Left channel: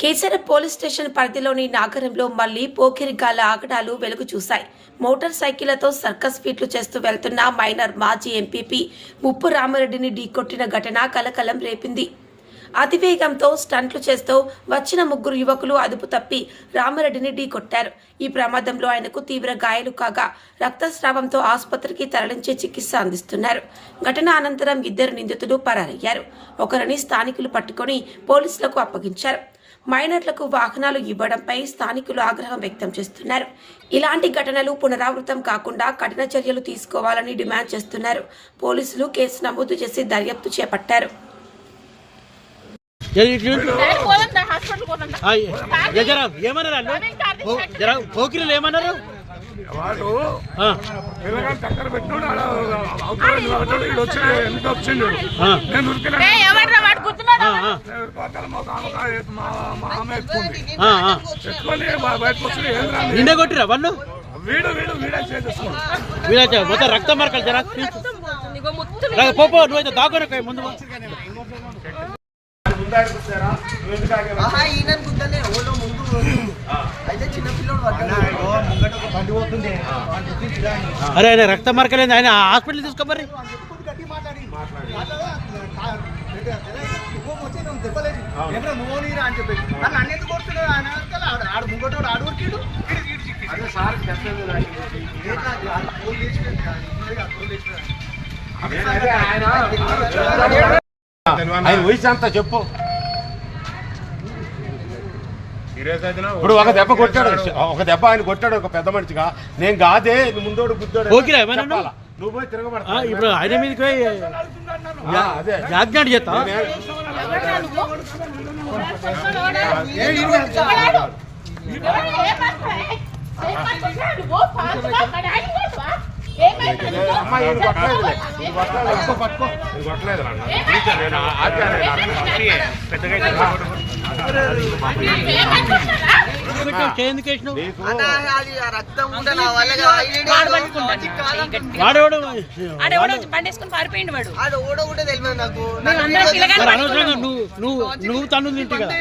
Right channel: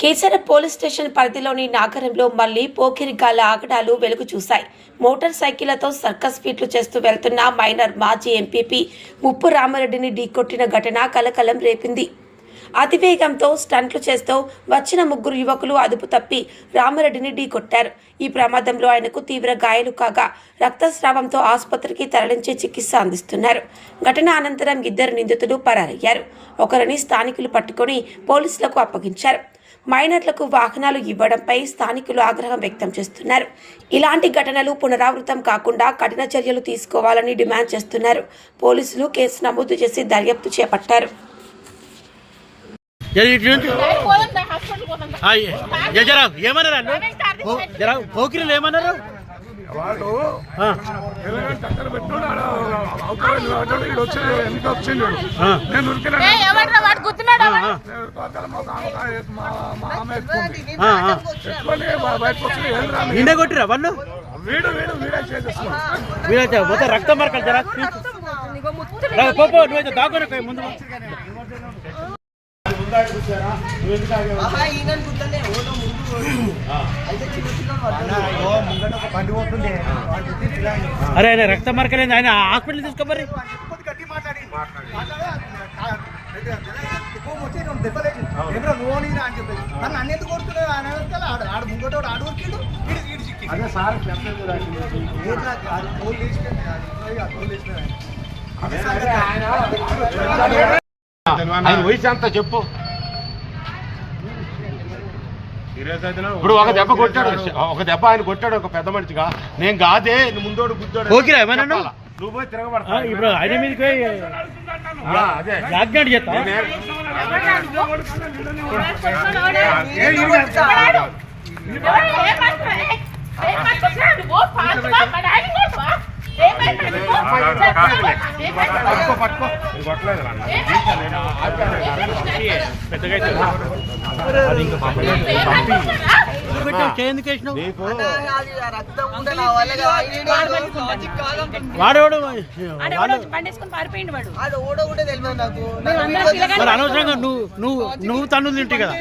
కేసర police station పరిధిలోని నాగరంలో మళ్లీ పోకిరిగాళ్ల ఆగడాలు వెలుగు చూశాయి. మోటార్ సైకిళ్లతో సర్కస్ ఫీట్లు చేస్తూ వెళ్తున్న మైనర్ మాజీ ఎంపీపీ ముప్పు రామారెడ్డిని ఢీకొట్టిన ఘటన కలకలం రేపింది. అతివేగంతో స్టంట్లు చేస్తూ వచ్చిన ముగ్గురు యువకులు అదుపు తప్పి రామారెడ్డిని ఢీకొట్టారు. ఈ ప్రమాదంలో ఆయనకు తీవ్ర గాయాలు కాగా రక్తస్రావంతో ఆసుపత్రికి తరలించి చికిత్స అందిస్తున్నారు. ఘటన అనంతరం ఇద్దరు నిందితులు పరారయ్యారు. ఒకరిని స్థానికులు పట్టుకుని పోలీసులకు అప్పగించారు. మైనర్లకు వాహనాలు ఇవ్వడంపై స్థానికులు ఆగ్రహం వ్యక్తం చేస్తున్నారు. ఇలాంటి ఘటనలు పునరావృతం కాకుండా కఠిన చర్యలు తీసుకోవాలని డిమాండ్ చేస్తున్నారు. పోలీసులు కేసు నమోదు చేసి దర్యాప్తు చేపట్టారు. ఏమన్నారు వాడు తెలంగాణ చక్కర పెట్టినాడు అవతల వచ్చి ఎంత వచ్చిండు నేను ఉరికినాడు మా ఆమె ఎత్తుకుంది ఎత్తుకొని బయటకు వచ్చి ఏం రాదు నిండే కొట్టిరా వాళ్ళు వీడే చేసేసుకున్నాడు మొత్తం రక్తం మరకలు జరా నువ్వైతే దాగునే ముందు అరే ఆయన రక్త మరకలేదు ఆయన హాస్పిటల్ తీసుకోమరి అంతా చెప్పు. ఇప్పుడు ఒక దెబ్బ కొట్టాడు, ఒక దెబ్బ ఆయన కొట్టాడు ఒక పెద్ద మనిషిగా. నేను కాదే ముందోడు గుద్దోడు ఓకేరా ఏమన్నా నువ్వు పోయి తిరగబడతా. ఇప్పుడు ఆయన మీదకి యాజ్ఞాడు చేస్తా అనవసరంగా నువ్వు తన్ను తింటే కదా.